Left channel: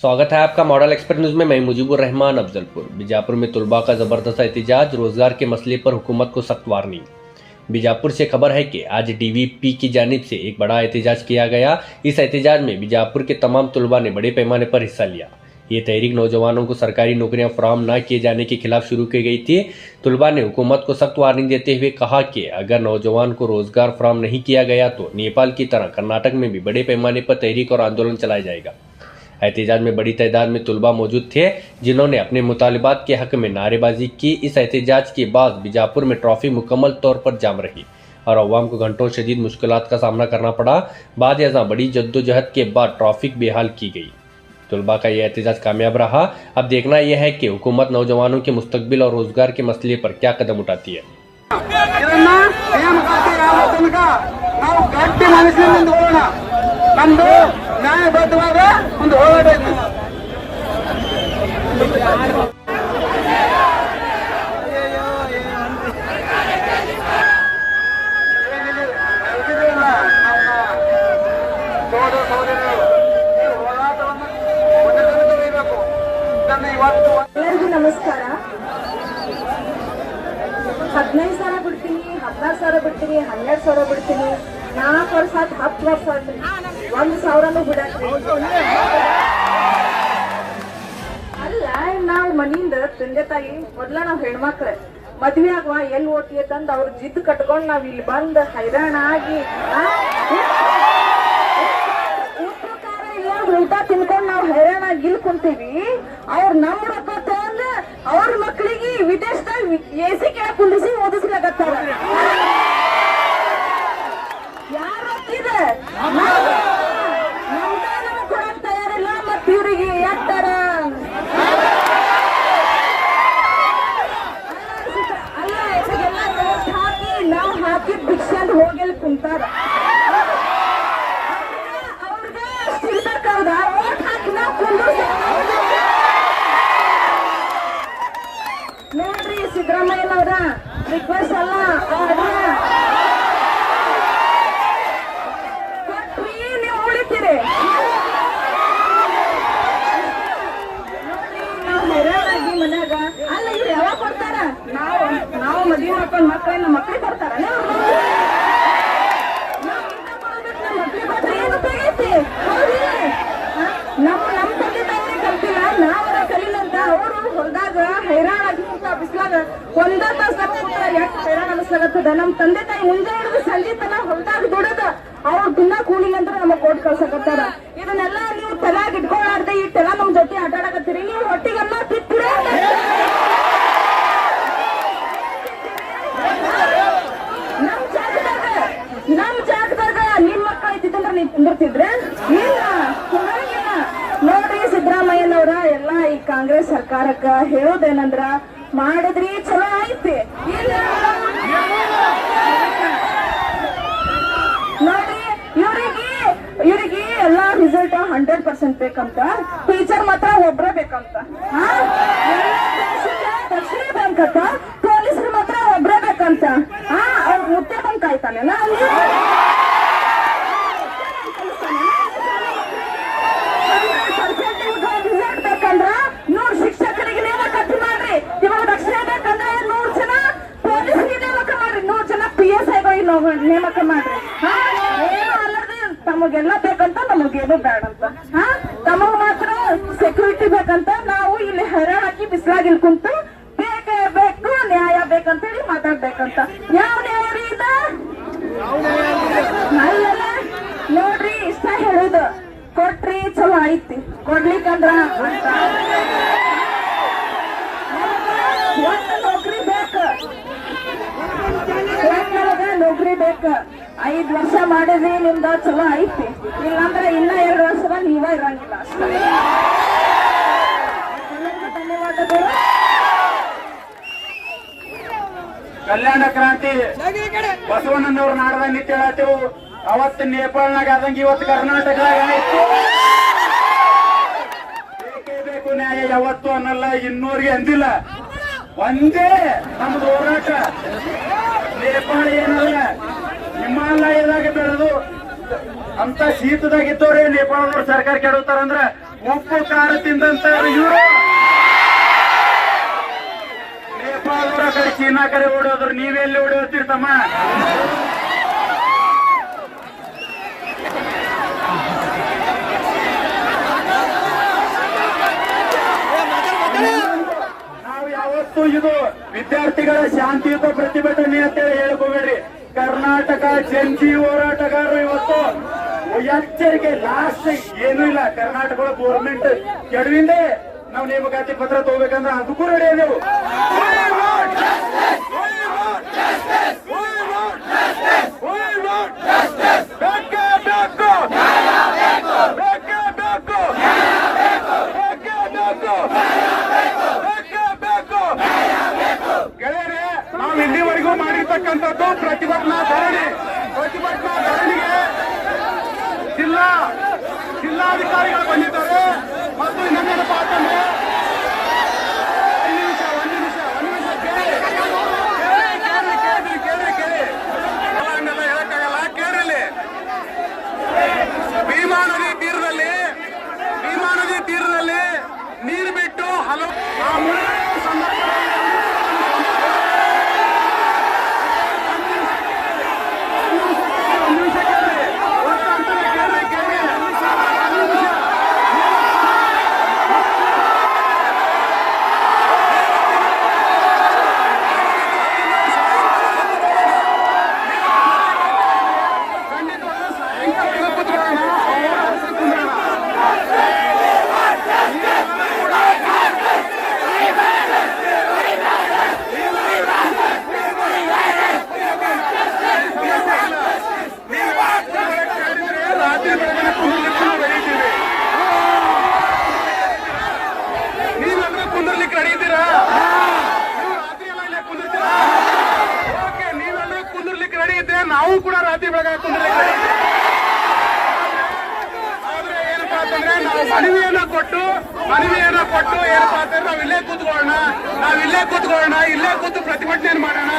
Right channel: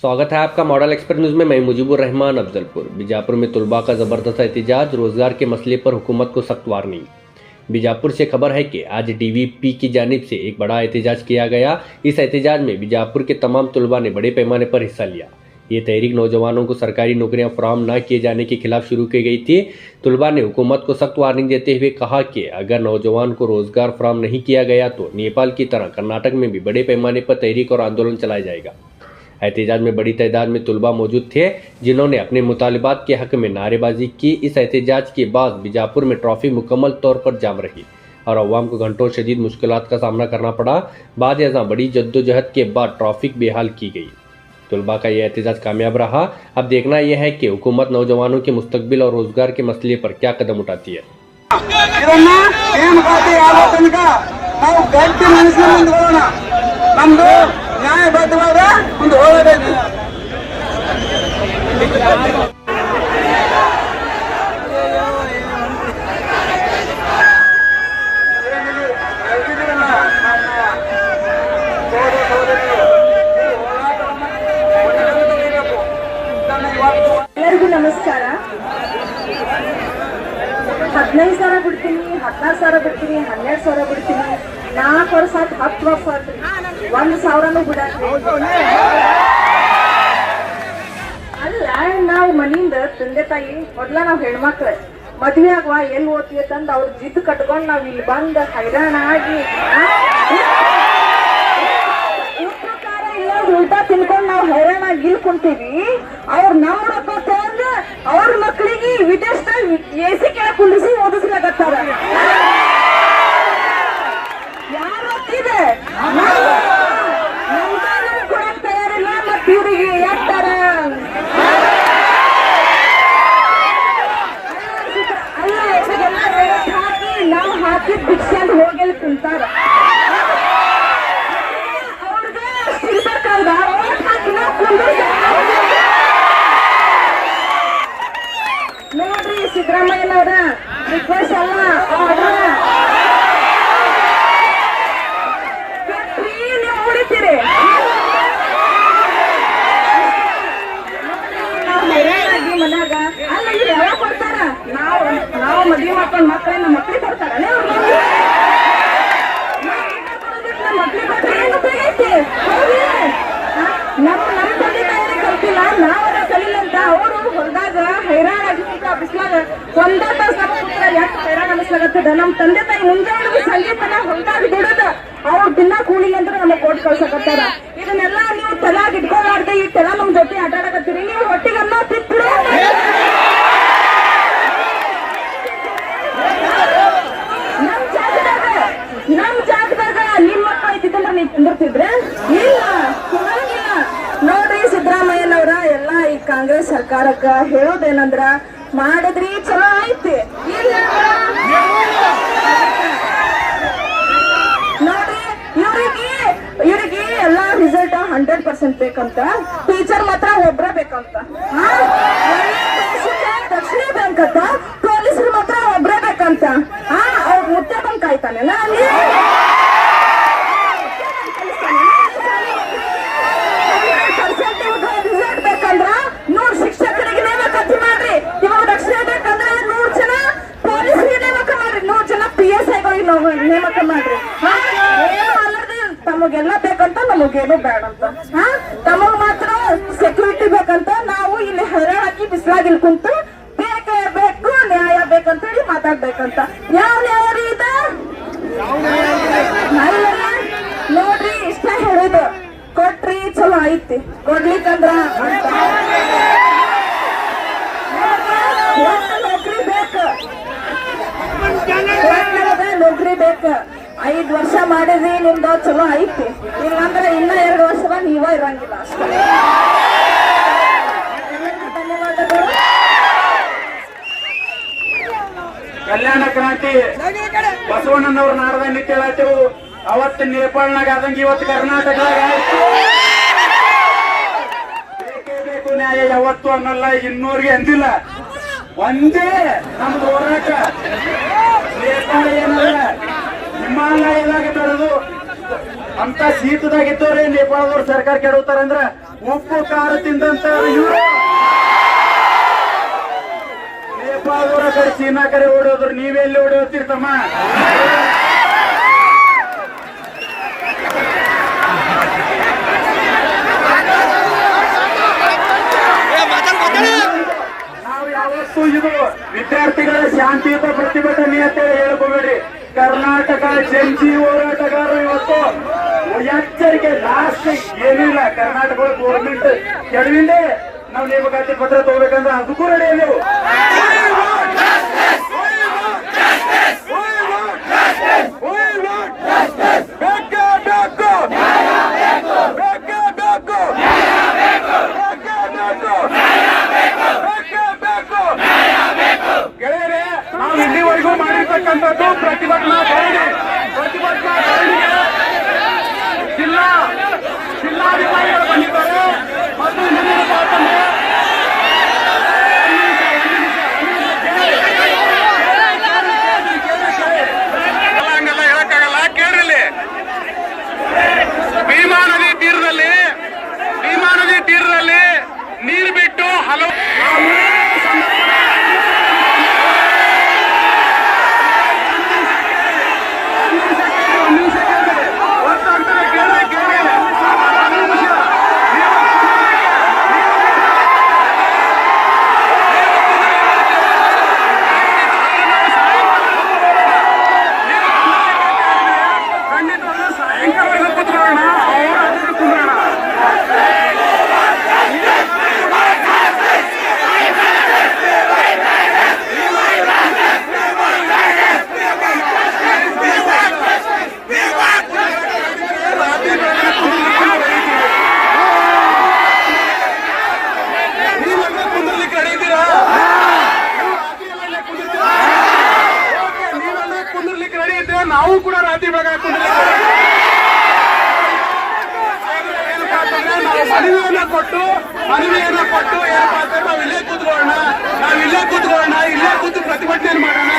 स्वागत है आपका मॉडल एक्सपर्ट न्यूज में। मैं मुजीबुर रहमान अफजलपुर। बीजापुर में तलबा का जबरदस्त एहतजाज, रोजगार के मसले पर हुकूमत को सख्त वार्निंग। बीजापुर से खबर है कि आज डीवीपी की जानिब से एक बड़ा एहतजाज किया गया। इस एहतजाज में बीजापुर के तमाम तलबा ने बड़े पैमाने पर हिस्सा लिया। ये तहरीक नौजवानों को सरकारी नौकरियां फराहम न किए जाने के खिलाफ शुरू की गई थी। तलबा ने हुकूमत को सख्त वार्निंग देते हुए कहा कि अगर नौजवान को रोजगार फराहम नहीं किया गया तो नेपाल की तरह कर्नाटक में भी बड़े पैमाने पर तहरीक और आंदोलन चलाया जाएगा। एहतजाज में बड़ी तादाद में तलबा मौजूद थे, जिन्होंने अपने मुतालिबात के हक में नारेबाजी की। इस एहतजाज के बाद बीजापुर में ट्रैफिक मुकम्मल तौर पर जाम रही और अवाम को घंटों शदीद मुश्किलात का सामना करना पड़ा। बाद यहाँ बड़ी जद्दोजहद के बाद ट्रैफिक बेहाल की गई। तलबा का यह एहतजाज कामयाब रहा। अब देखना यह है कि हुकूमत नौजवानों के मुस्तकबिल और रोजगार के मसले पर क्या कदम उठाती है। ನ್ಯಾಯಬದ್ಧವಾದ ಒಂದು ಹೋಗಬೇಕು. ಎಲ್ಲರಿಗೂ ನಮಸ್ಕಾರ. 15,000 ಬಿಡ್ತೀನಿ, 16,000 ಬಿಡ್ತೀನಿ, 12,000 ಬಿಡ್ತೀನಿ. 4 ವರ್ಷ 10 ವರ್ಷ 1,000 ಬಿಡಕ್ರಿ. ಅಲ್ಲ, ನಾವು ಮನೆಯಿಂದ ತಂದೆ ತಾಯಿ ಮೊದ್ಲ ನಾವ್ ಹೆಣ್ಮಕ್ಳು ಮದ್ವೆ ಆಗುವ ಎಲ್ಲಿ ಓದ್ತೀವಿ ತಂದ್ ಅವ್ರ ಜಿದ್ದು ಕಟ್ಕೊಂಡ್ ನಾವ್ ಇಲ್ಲಿ ಬಂದ್ ಹೈರಾಣ ಆಗಿ ಪ್ರಕಾರ ಇಲ್ಲ ಉಲ್ಟಾ ತಿನ್ಕೊಂಡ್ ನಾವ್ ಹೈರಾಣ ಆಗಿ ಇಲ್ಲಿ ಕುಂತೀವಿ. ಅವ್ರ ನಮ್ಮ ರೊಕ್ಕ ತಗೊಂಡ್ ಅವ್ರ ಮಕ್ಳಿಗೆ ವಿದೇಶದಾಗ ಎಸಿ ಕೆಳಗೆ ಕುಂದಿಸಿ ಓದಿಸ್ಲಾಗತ್ತಾರ. ಯಾರು ಓದ್ತಿದೆ ಕೊಡಕ್ ತಯಾರಿಲ್ಲ. ಮತ್ ಇವ್ರಿಗೆ ಯಾಕ್ತಾರ ಹಾಕಿ ನಾವು ಹಾಕಿದ್ ಭಿಕ್ಷೆ ಅಂತ ಹೋಗಿ ಕುಂತಾರ. ಅವ್ರಿಗೆ ಸಿಗ್ಬೇಕಾದ ಓಟ್ ಹಾಕಿ ನಾವು ನೋಡ್ರಿ. ಸಿದ್ದರಾಮಯ್ಯನವ್ರ ರಿಕ್ವೆಸ್ಟ್ ಅಲ್ಲ, ಆರ್ಡ್ರ ನೀವು ಉಳಿತೀರಿ. ನಾವು ಹೈರಾಣಾಗಿ ಮನ್ಯಾಗ ಅಲ್ಲ ಇವ್ರು ಯಾವಾಗ ಕೊಡ್ತಾರ? ನಾವು ಮದ್ವೆ ಮಾಡ್ಕೊಂಡ್ ಮಕ್ಕಳನ್ನ ನಮ್ಮ ಮಕ್ಳಿಗೆ ಕೊಡ್ತಾರ. ಮಕ್ಳಿಗೆ ಕೊಟ್ರೆ ಏನು ಉಪಯೋಗ ಐತಿ? ನಮ್ಮ ತಂದೆ ತಾಯಿಗೆ ಕಲ್ತಿಲ್ಲ, ನಾವರ ಕಲಿಲ್ಲ ಅಂತ ಅವರು ಹೊರದಾಗ ಹೈರಾಣಾಗಿ ಬಿಸ್ಲಾಗ ಒಂದ ತಾಸ ನಮ್ಮ ಪುತ್ರ ಎಷ್ಟು ಹೈರಾಣ ಅನಿಸ್ಲಾಗತ್ತದ. ನಮ್ಮ ತಂದೆ ತಾಯಿ ಮುಂಜಾನೆ ಸಂಗೀತನ ಹೊರದಾಗ ದುಡದ ಅವ್ರು ದಿನ ಕೂಲಿ ಅಂದ್ರೆ ನಮಗ್ ಕೊಟ್ಟು ಕಳ್ಸಕತ್ತಾರ. ಇದನ್ನೆಲ್ಲ ನೀವು ತಲಾಗ ಇಟ್ಕೊಳ್ಳಾರ್ದೆ ಇಟ್ಟೆಲ್ಲ ನಮ್ ಜೊತೆ ಆಟಾಡಕತ್ತೀರಿ. ನೀವು ಹೊಟ್ಟಿಗೆ ಅನ್ನ ತಿಪ್ಪರು ನಮ್ ಜಾಗದಾಗ ನಿಮ್ ಮಕ್ಕಳು ಐತಿತ್ತಂದ್ರೆ ನೀವು ಕುಂದಿರ್ತಿದ್ರೆ ಇಲ್ಲ, ಕುಂದ್ರಂಗಿಲ್ಲ. ನೋಡ್ರಿ, ಸಿದ್ದರಾಮಯ್ಯನವ್ರ ಎಲ್ಲಾ ಈ ಕಾಂಗ್ರೆಸ್ ಸರ್ಕಾರಕ್ಕ ಹೇಳೋದೇನಂದ್ರ ಮಾಡಿದ್ರಿ ಚಲೋ ಐತಿ. ಇಲ್ಲ ನೋಡ್ರಿ, ಇವ್ರಿಗೆ ಎಲ್ಲಾ ರಿಸಲ್ಟ್ 100% ಬೇಕಂತ. ಟೀಚರ್ ಮಾತ್ರ ಒಬ್ರೇ ಬೇಕಂತ. ದಕ್ಷಿಣ ಬ್ಯಾಂಕ್ ಅಂತ ಪೊಲೀಸರು ಮಾತ್ರ ಒಬ್ರೇ ಬೇಕಂತ. ಅವ್ರ ಮುದ್ದೆ ಬಂದ್ ಕಾಯ್ತಾನೆಲ್ಲ ಅಲ್ಲಿ ರಿಸಲ್ಟ್ ಬೇಕಂದ್ರ 100 ಶಿಕ್ಷಕರಿಗೆ ನೇಮಕಾತಿ ಮಾಡ್ರಿ. ಇವಾಗ ದಕ್ಷಿಣ ಬೇಕಂದ್ರೆ 100 ಜನ ಪೊಲೀಸರಿಗೆ ನೇಮಕ ಮಾಡ್ರಿ, 100 ಜನ PSI ನೇಮಕ ಮಾಡ್ರಿ. ಏನು ಅಲ್ಲದೆ ತಮಗೆಲ್ಲ ಬೇಕಂತ ನಮಗೇನು ಬೇಡಂತ. ತಮಗ್ ಮಾತ್ರ ಸೆಕ್ಯೂರಿಟಿ ಬೇಕಂತ. ನಾವು ಇಲ್ಲಿ ಹೈರಾಣಾಗಿ ಬಿಸಿಲಾಗಿಲ್ ಕುಂತು ಬೇಕೇ ಬೇಕು, ನ್ಯಾಯ ಬೇಕಂತ ಹೇಳಿ ಮಾತಾಡ್ಬೇಕಂತ. ಯಾವ ನ್ಯಾಯ ರೀ ಇದ? ನೋಡ್ರಿ, ಇಷ್ಟ ಹೇಳುದು ಕೊಟ್ರಿ ಚಲೋ ಐತಿ, ಕೊಡ್ಲಿಕ್ಕಂದ್ರ ಅಂತ ನೌಕರಿ ಬೇಕು. ನೌಕರಿ ಬೇಕು. 5 ವರ್ಷ ಮಾಡಿದ್ರಿ, ನಿಮ್ದು ಚಲೋ ಐತಿ. ಇಲ್ಲಾಂದ್ರೆ ಇನ್ನ 2 ವರ್ಷದ ನೀವ ಇರಂಗಿಲ್ಲ ಅಷ್ಟೇ. ಧನ್ಯವಾದಗಳು. ಕಲ್ಯಾಣ ಕ್ರಾಂತಿ ಬಸವಣ್ಣನವ್ರ ನಾಡದಾಗ ನಿಂತ ಹೇಳತ್ತೇವು. ಅವತ್ತು ನೇಪಾಳನಾಗ ಆದಂಗ ಇವತ್ತು ಕರ್ನಾಟಕದಾಗ ಬೇಕೇ ಬೇಕು ನ್ಯಾಯ ಯಾವತ್ತು ಅನ್ನಲ್ಲ. ಇನ್ನೂರಿಗೆ ಅಂದಿಲ್ಲ. ಒಂದೇ ನಮ್ದು ಹೋರಾಟ. ನೇಪಾಳ ಏನಲ್ಲ, ಹಿಮಾಲಯದಾಗ ಬೆಳೆದು ಅಂತ ಶೀತದಾಗಿದ್ದವ್ರೆ ನೇಪಾಳದವ್ರ ಸರ್ಕಾರ ಕೆಡುತ್ತಾರಂದ್ರ ಉಪ್ಪು ಖಾರ ತಿಂದಂತ ಇವರು ನೇಪಾಳದವರ ಕಡೆ ಚೀನಾ ಕಡೆ ಓಡೋದ್ರು, ನೀವೆಲ್ಲಿ ಓಡೋತಿರ್ತಮ್ಮ? ನಾವು ಯಾವತ್ತೂ ಇದು ವಿದ್ಯಾರ್ಥಿಗಳ ಶಾಂತಿಯುತ ಪ್ರತಿಭಟನೆ ಅಂತ ಹೇಳ್ಕೋಬೇಡ್ರಿ. ಕರ್ನಾಟಕ ಜಂಟಿ ಹೋರಾಟಗಾರರು ಇವತ್ತು ಎಚ್ಚರಿಕೆ ಲಾಸ್ಟ್ ಏನೂ ಇಲ್ಲ. ಕರ್ನಾಟಕ ಗೌರ್ಮೆಂಟ್ ಕೆಡವಿಂದೆ ನಾವು ನೇಮಕಾತಿ ಪತ್ರ ತಗೋಬೇಕಂದ್ರೆ ಅದಕ್ಕೂ ರೆಡಿ ಅದೆವು. ಗೆಳೆಯರೇ, ನಾವು ಇಲ್ಲಿವರೆಗೂ ಮಾಡಿರ್ತಕ್ಕಂಥದ್ದು ಪ್ರತಿಭಟನಾ ಧರಣಿಗೆ ಜಿಲ್ಲಾಧಿಕಾರಿಗಳು ಬಂದಿದ್ದಾರೆ ಮತ್ತು ಮುಂದಿನ ಮಾತನ್ನು ಹಂಗೆಲ್ಲ ಹೇಳಕ್ಕಾಗಲ್ಲ. ಕೇಳಿಲ್ಲಿ, ಭೀಮಾ ನದಿ ತೀರದಲ್ಲಿ ನೀರು ಬಿಟ್ಟು ಹಲವು ನಾವು ಕೂಡ ರಾತ್ರಿ ಭಾಗ ಮನವಿಯನ್ನ ಕೊಟ್ಟು ಏನಪ್ಪ ನಾವ್ ಇಲ್ಲೇ ಕೂತ್ಕೊಳ್ಳೋಣ, ಇಲ್ಲೇ ಕೂತು ಪ್ರತಿಭಟನೆ ಮಾಡೋಣ.